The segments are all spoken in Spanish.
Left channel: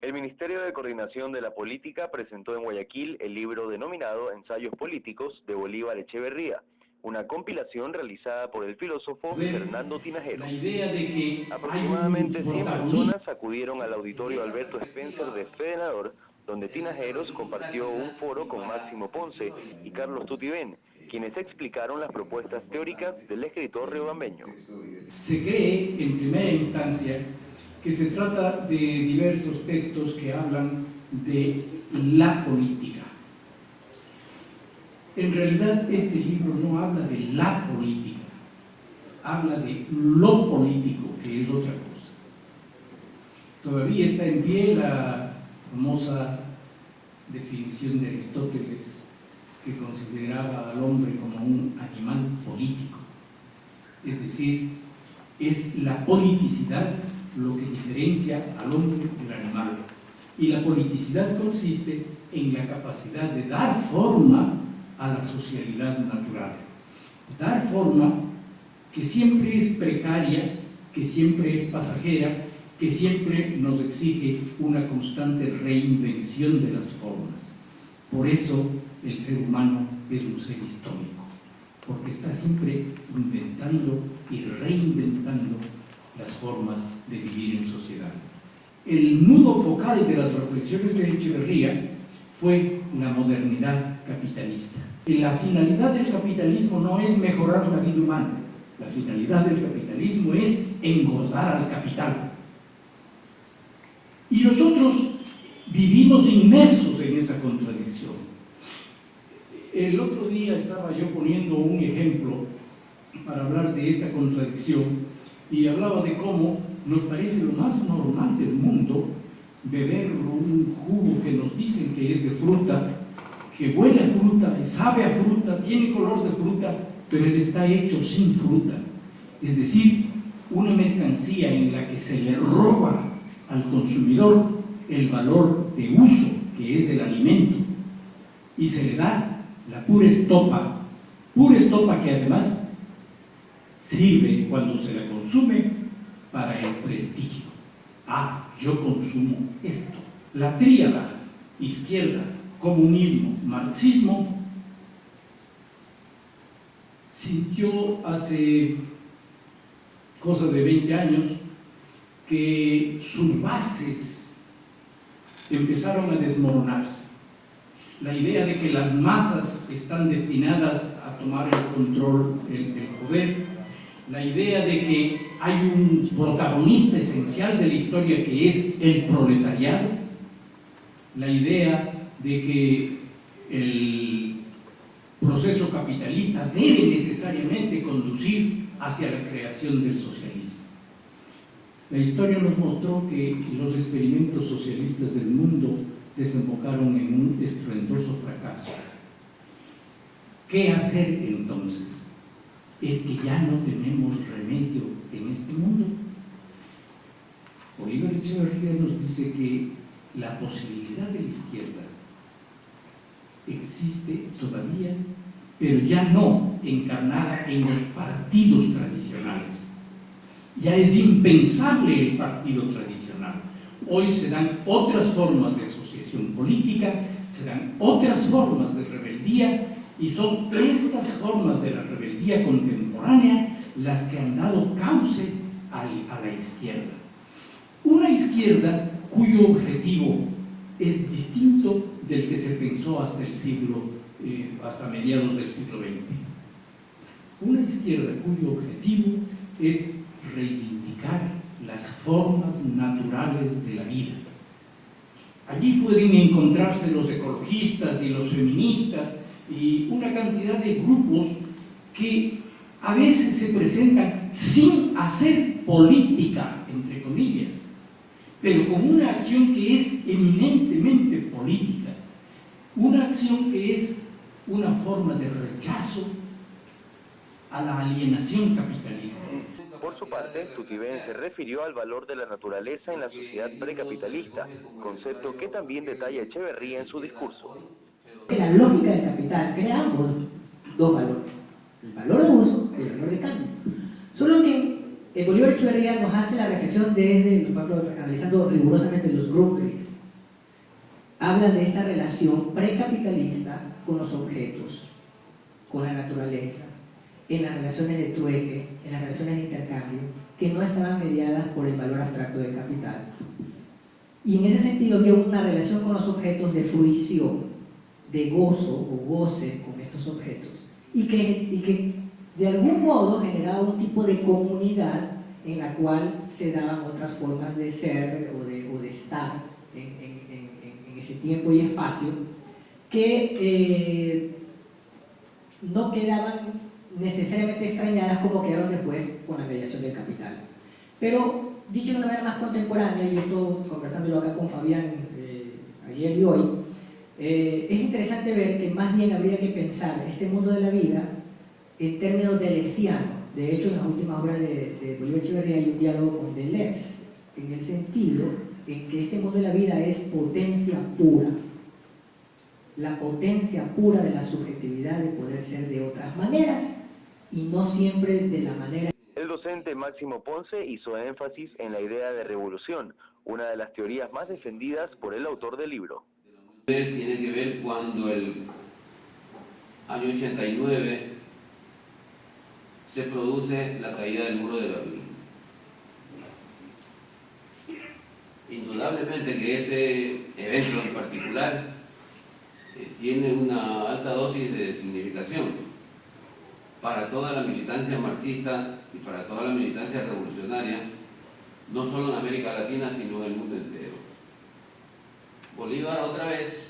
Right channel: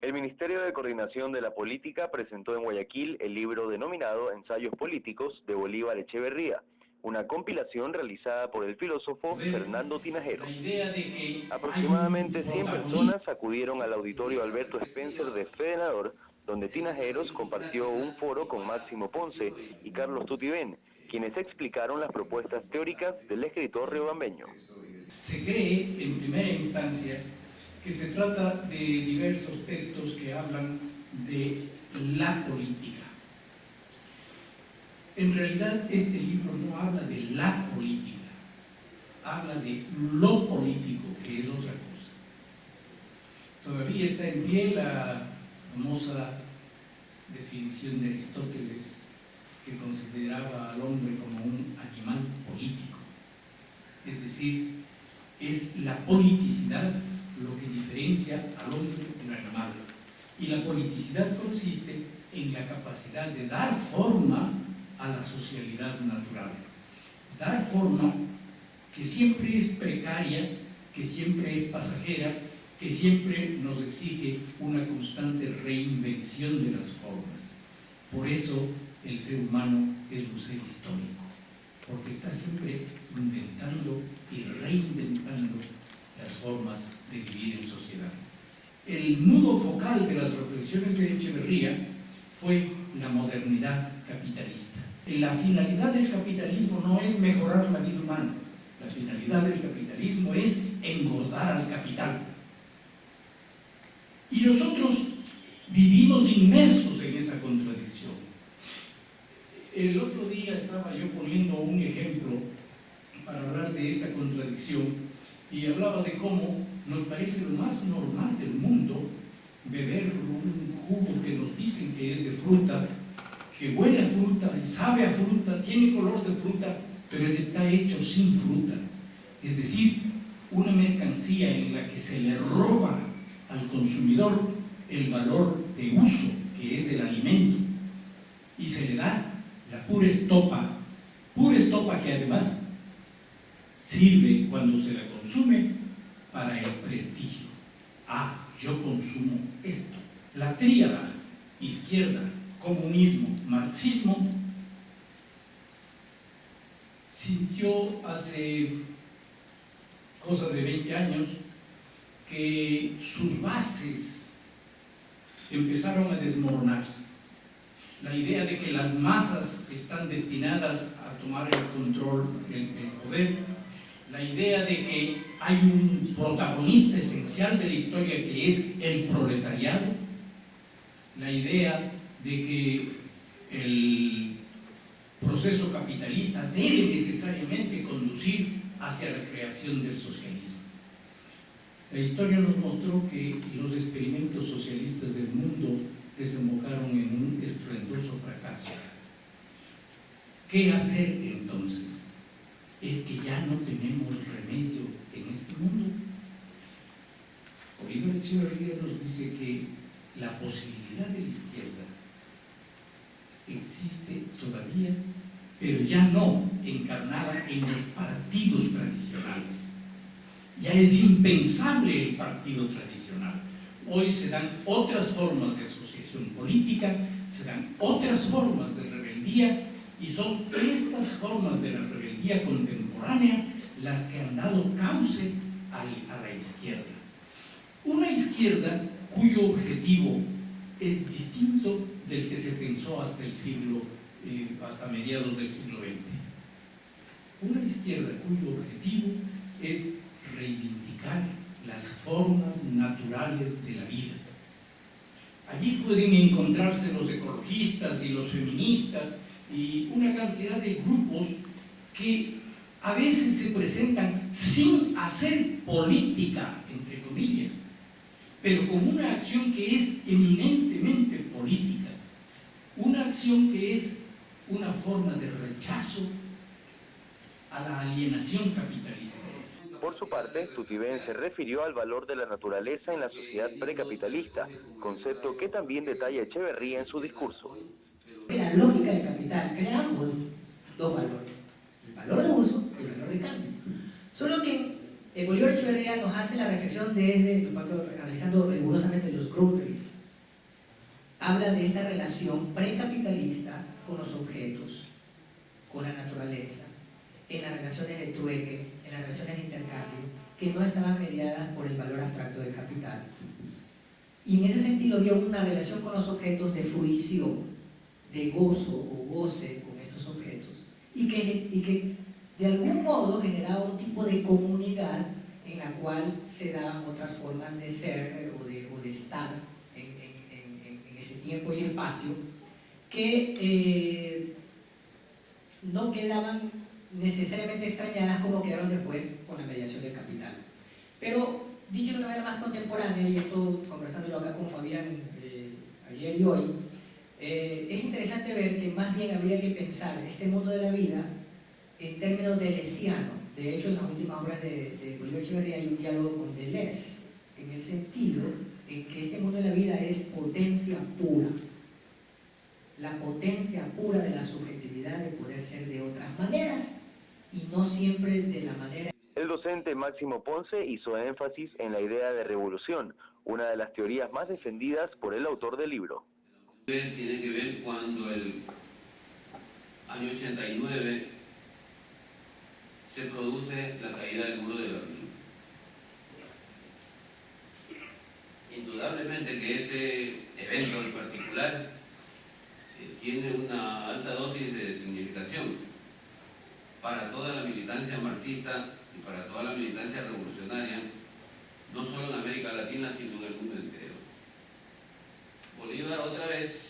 El Ministerio de Coordinación de la Política presentó en Guayaquil el libro denominado Ensayos Políticos de Bolívar Echeverría, una compilación realizada por el filósofo Fernando Tinajero. La idea de que Aproximadamente 100 personas acudieron al auditorio Alberto Spencer de Fedenador, donde Tinajeros compartió un foro con Máximo Ponce y Carlos Tutibén, quienes explicaron las propuestas teóricas del escritor riobambeño. Se cree, en primera instancia, que se trata de diversos textos que hablan de la política. En realidad, este libro no habla de la política, habla de lo político, que es otra cosa. Todavía está en pie la famosa definición de Aristóteles, que consideraba al hombre como un animal político. Es decir, es la politicidad lo que diferencia al hombre del animal. Y la politicidad consiste en la capacidad de dar forma a la socialidad natural. Dar forma que siempre es precaria, que siempre es pasajera, que siempre nos exige una constante reinvención de las formas. Por eso el ser humano es un ser histórico, porque está siempre inventando y reinventando las formas de vivir en sociedad. El nudo focal de las reflexiones de Echeverría fue la modernidad capitalista. La finalidad del capitalismo no es mejorar la vida humana, la finalidad del capitalismo es engordar al capital. Y nosotros vivimos inmersos en esa contradicción. El otro día estaba yo poniendo un ejemplo para hablar de esta contradicción y hablaba de cómo nos parece lo más normal del mundo beber un jugo que nos dicen que es de fruta, que huele a fruta, sabe a fruta, tiene color de fruta, pero está hecho sin fruta. Es decir, una mercancía en la que se le roba al consumidor el valor de uso, que es el alimento, y se le da la pura estopa que además sirve cuando se la consume para el prestigio. Ah, yo consumo esto. La tríada, izquierda, comunismo, marxismo, sintió hace cosa de 20 años que sus bases empezaron a desmoronarse. La idea de que las masas están destinadas a tomar el control del poder, la idea de que hay un protagonista esencial de la historia que es el proletariado, la idea de que el proceso capitalista debe necesariamente conducir hacia la creación del socialismo. La historia nos mostró que los experimentos socialistas del mundo desembocaron en un estruendoso fracaso. ¿Qué hacer entonces? Es que ya no tenemos remedio en este mundo. Bolívar Echeverría nos dice que la posibilidad de la izquierda existe todavía, pero ya no encarnada en los partidos tradicionales. Ya es impensable el partido tradicional. Hoy se dan otras formas de asociación política, se dan otras formas de rebeldía, y son estas formas de la rebeldía contemporánea las que han dado cauce a la izquierda. Una izquierda cuyo objetivo es distinto del que se pensó hasta hasta mediados del siglo XX. Una izquierda cuyo objetivo es reivindicar las formas naturales de la vida. Allí pueden encontrarse los ecologistas y los feministas y una cantidad de grupos que a veces se presentan sin hacer política, entre comillas, pero con una acción que es eminentemente política, una acción que es una forma de rechazo a la alienación capitalista. Por su parte, Tutibén se refirió al valor de la naturaleza en la sociedad precapitalista, concepto que también detalla Echeverría en su discurso. La lógica del capital crea dos valores, el valor de uso y el valor de cambio. Solo que Bolívar Echeverría nos hace la reflexión desde, por ejemplo, analizando rigurosamente los Grundrisse, habla de esta relación precapitalista con los objetos, con la naturaleza, en las relaciones de trueque, en las relaciones de intercambio, que no estaban mediadas por el valor abstracto del capital. Y en ese sentido vio una relación con los objetos de fruición, de gozo o goce con estos objetos, y que de algún modo generaba un tipo de comunidad en la cual se daban otras formas de ser o de estar en ese tiempo y espacio que no quedaban necesariamente extrañadas como quedaron después con la mediación del capital. Pero, dicho de una manera más contemporánea, y esto conversándolo acá con Fabián ayer y hoy, es interesante ver que más bien habría que pensar este mundo de la vida en términos deleuzianos. De hecho, en las últimas obras de Bolívar Echeverría hay un diálogo con Deleuze, en el sentido en que este mundo de la vida es potencia pura, la potencia pura de la subjetividad de poder ser de otras maneras y no siempre de la manera. El docente Máximo Ponce hizo énfasis en la idea de revolución, una de las teorías más defendidas por el autor del libro. Tiene que ver cuando el año 89 se produce la caída del muro de Berlín. Indudablemente que ese evento en particular tiene una alta dosis de significación para toda la militancia marxista y para toda la militancia revolucionaria, no solo en América Latina, sino en el mundo entero. Bolívar otra vez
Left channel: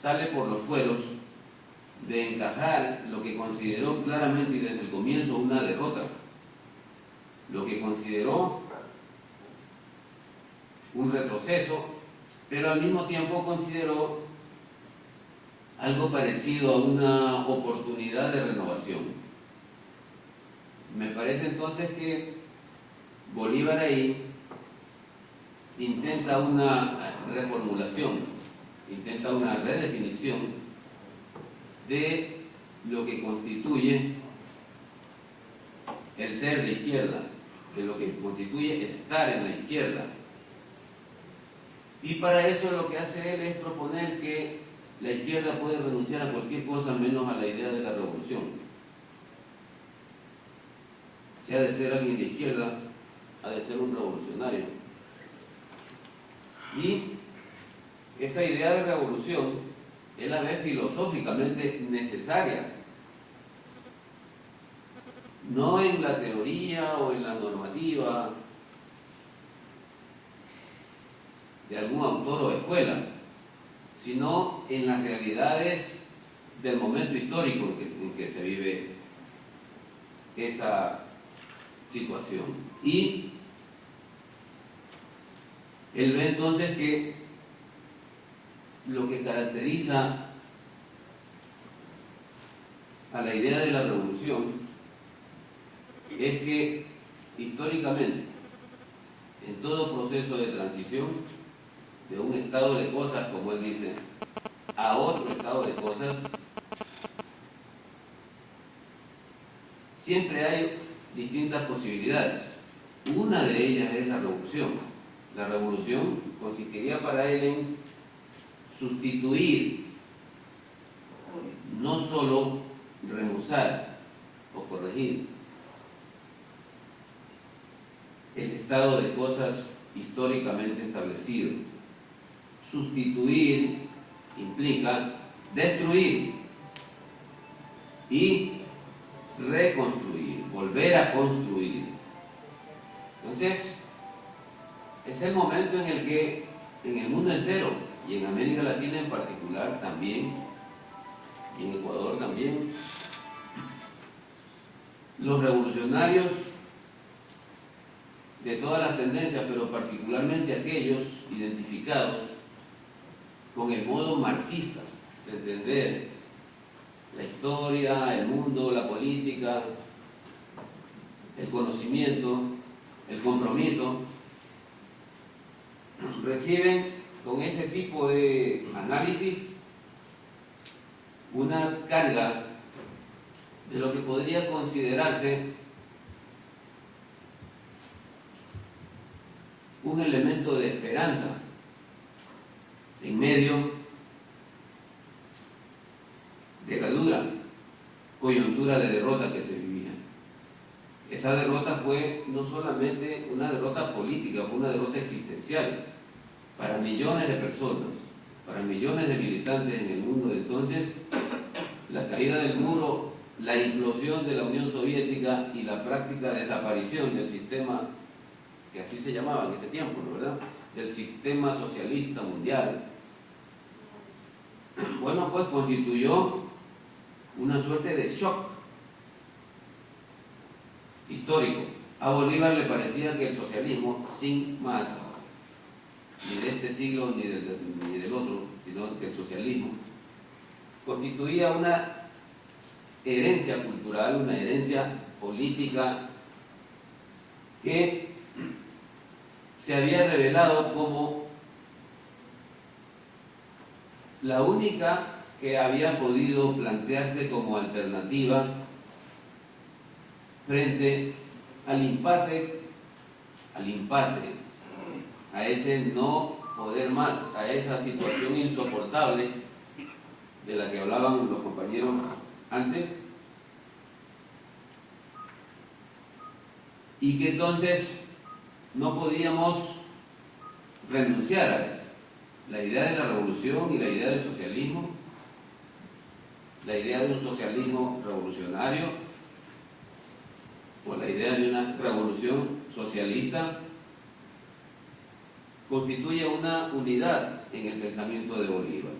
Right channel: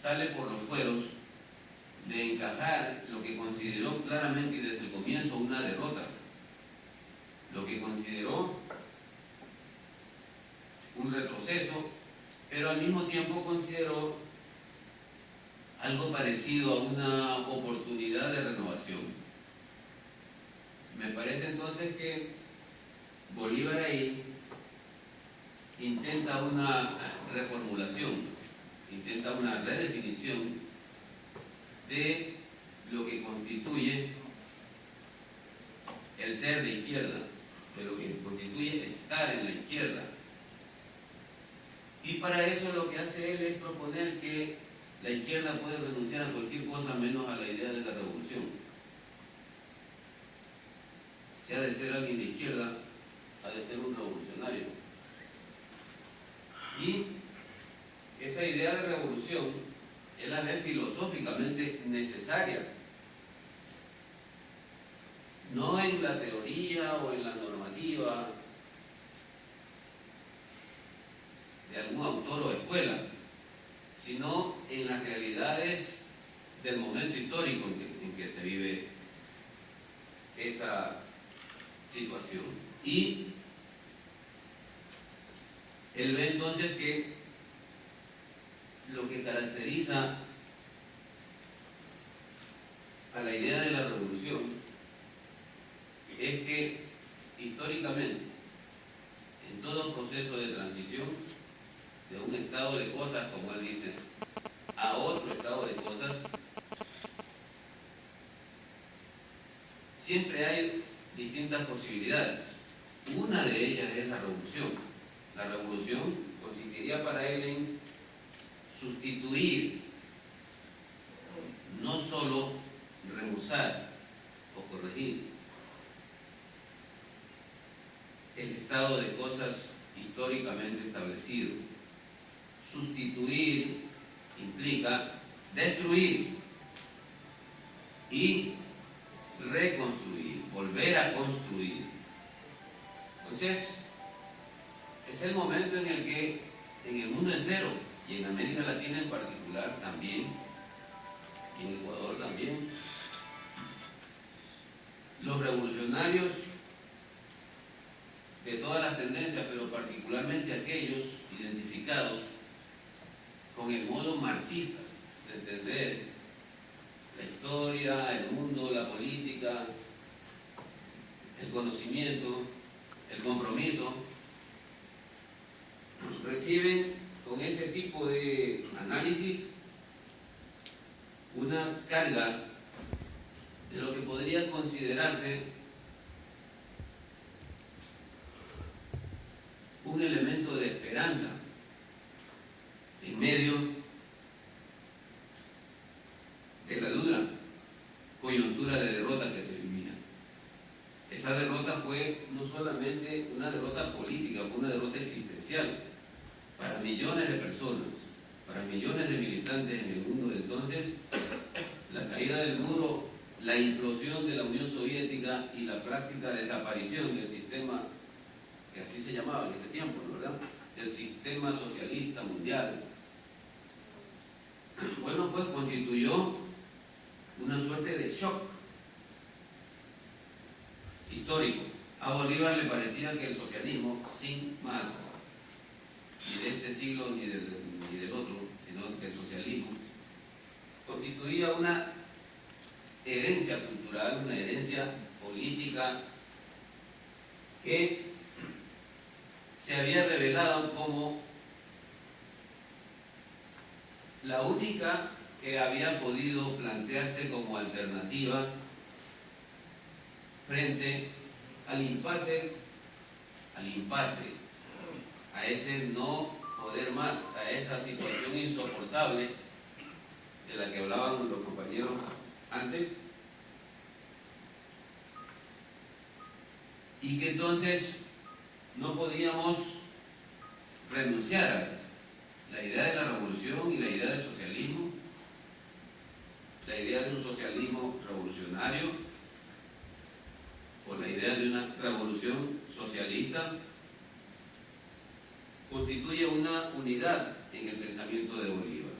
sale por los fueros de encajar lo que consideró claramente y desde el comienzo una derrota, lo que consideró un retroceso, pero al mismo tiempo consideró algo parecido a una oportunidad de renovación. Me parece entonces que Bolívar ahí intenta una reformulación, intenta una redefinición de lo que constituye el ser de izquierda, de lo que constituye estar en la izquierda. Y para eso lo que hace él es proponer que la izquierda puede renunciar a cualquier cosa menos a la idea de la revolución. Si ha de ser alguien de izquierda, ha de ser un revolucionario. Y esa idea de revolución es la vez filosóficamente necesaria, no en la teoría o en la normativa de algún autor o escuela, sino en las realidades del momento histórico en que se vive esa situación. Y él ve entonces que lo que caracteriza a la idea de la revolución es que históricamente, en todo proceso de transición de un estado de cosas, como él dice, a otro estado de cosas, siempre hay distintas posibilidades. Una de ellas es la revolución. La revolución consistiría para él en sustituir, no solo remozar o corregir el estado de cosas históricamente establecido. Sustituir implica destruir y reconstruir, volver a construir. Entonces, es el momento en el que en el mundo entero y en América Latina en particular también, y en Ecuador también, los revolucionarios de todas las tendencias, pero particularmente aquellos identificados con el modo marxista de entender la historia, el mundo, la política, el conocimiento, el compromiso, reciben con ese tipo de análisis una carga de lo que podría considerarse un elemento de esperanza en medio de la dura coyuntura de derrota que se vivía. Esa derrota fue no solamente una derrota política, fue una derrota existencial para millones de personas, para millones de militantes en el mundo de entonces. La caída del muro, la implosión de la Unión Soviética y la práctica desaparición del sistema, que así se llamaba en ese tiempo, ¿verdad?, del sistema socialista mundial, bueno, pues constituyó una suerte de shock histórico. A Bolívar le parecía que el socialismo, sin más, ni de este siglo ni del otro, sino que el socialismo constituía una herencia cultural, una herencia política que se había revelado como la única que había podido plantearse como alternativa frente al impasse, a ese no poder más, a esa situación insoportable de la que hablaban los compañeros antes, y que entonces no podíamos renunciar a eso. La idea de la revolución y la idea del socialismo, la idea de un socialismo revolucionario o la idea de una revolución socialista, constituye una unidad en el pensamiento de Bolívar.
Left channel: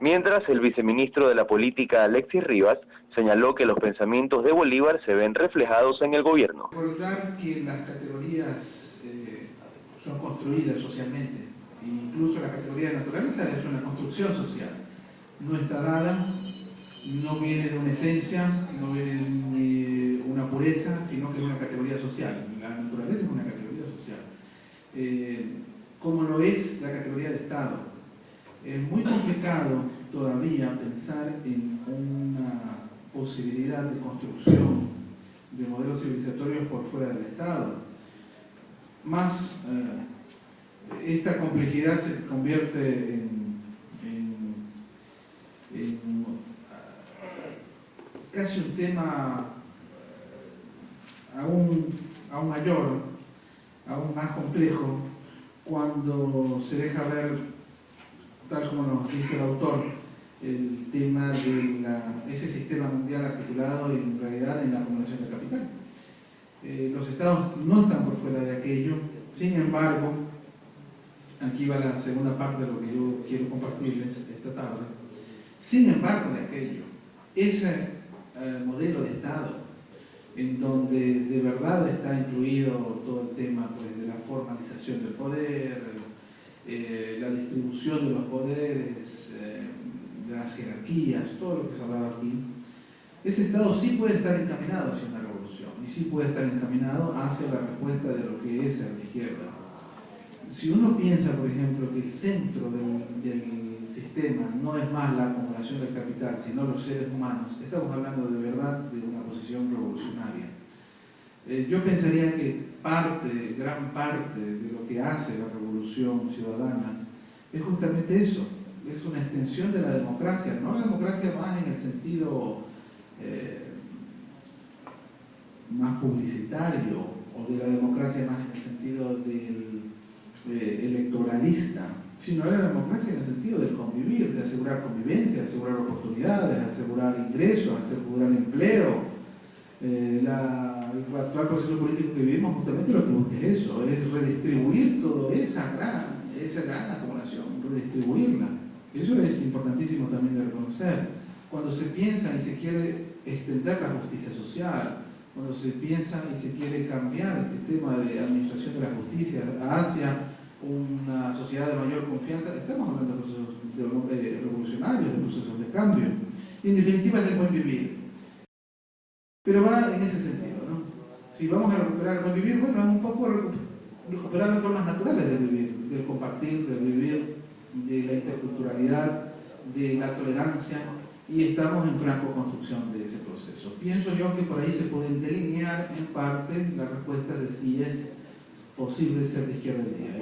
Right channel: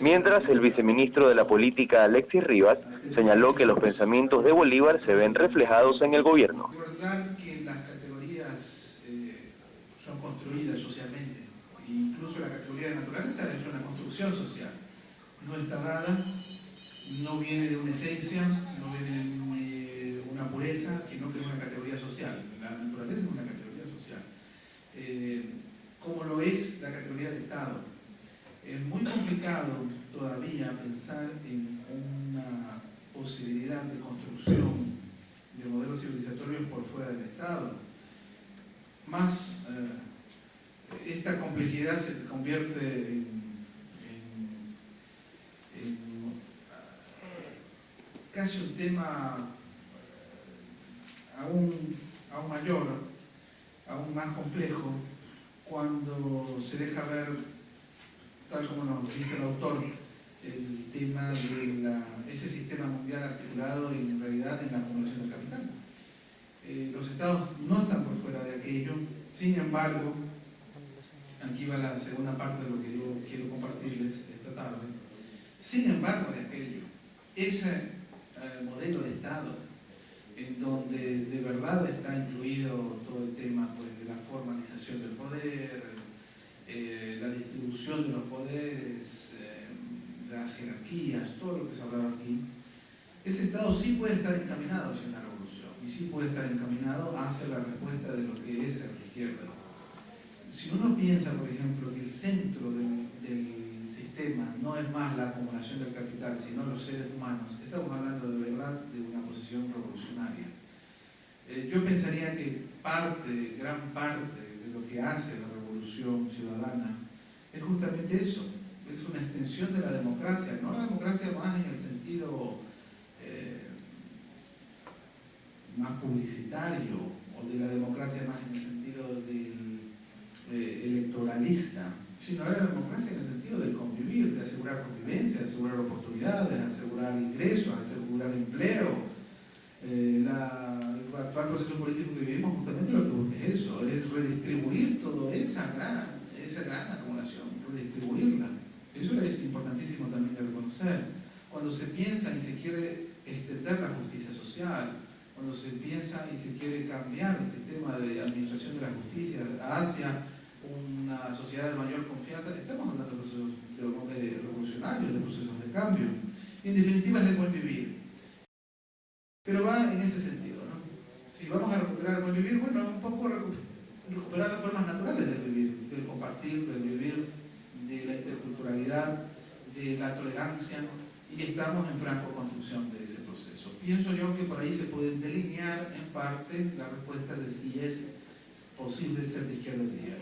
Mientras, el viceministro de la Política, Alexis Rivas, señaló que los pensamientos de Bolívar se ven reflejados en el gobierno. Recordar que las categorías son construidas socialmente, incluso la categoría de naturaleza es una construcción social, no está dada, no viene de una esencia, no viene de una pureza, sino que es una categoría social. La naturaleza es una categoría social, como lo es la categoría de Estado. Es muy complicado todavía pensar en una posibilidad de construcción de modelos civilizatorios por fuera del Estado. Más, esta complejidad se convierte en casi un tema aún mayor, aún más complejo, cuando se deja ver, tal como nos dice el autor, el tema de ese sistema mundial articulado en realidad en la acumulación de capital. Los estados no están por fuera de aquello, sin embargo, aquí va la segunda parte de lo que yo quiero compartirles esta tarde, sin embargo de aquello, ese modelo de Estado, en donde de verdad está incluido todo el tema pues, de la formalización del poder, la distribución de los poderes, las jerarquías, todo lo que se hablaba aquí, ese Estado sí puede estar encaminado hacia una revolución y sí puede estar encaminado hacia la respuesta de lo que es a la izquierda. Si uno piensa, por ejemplo, que el centro del sistema no es más la acumulación del capital, sino los seres humanos, estamos hablando de verdad de una posición revolucionaria. Yo pensaría que gran parte de lo que hace la revolución ciudadana es justamente eso, es una extensión de la democracia, no la democracia más en el sentido más publicitario o de la democracia más en el sentido del electoralista, sino la democracia en el sentido de convivir, de asegurar convivencia, de asegurar oportunidades, de asegurar ingresos, de asegurar empleo. El actual proceso político que vivimos justamente lo que busca es eso, es redistribuir toda esa gran acumulación, redistribuirla. Eso es importantísimo también de reconocer. Cuando se piensa y se quiere extender la justicia social, cuando se piensa y se quiere cambiar el sistema de administración de la justicia hacia una sociedad de mayor confianza, estamos hablando de procesos revolucionarios, de procesos de cambio. En definitiva, es el buen vivir. Pero va en ese sentido, ¿no? Si vamos a recuperar el buen vivir, bueno, es un poco recuperar las formas naturales del vivir, del compartir, del vivir, de la interculturalidad, de la tolerancia, y estamos en franco construcción de ese proceso. Pienso yo que por ahí se pueden delinear en parte las respuestas de si es posible ser de izquierda hoy día.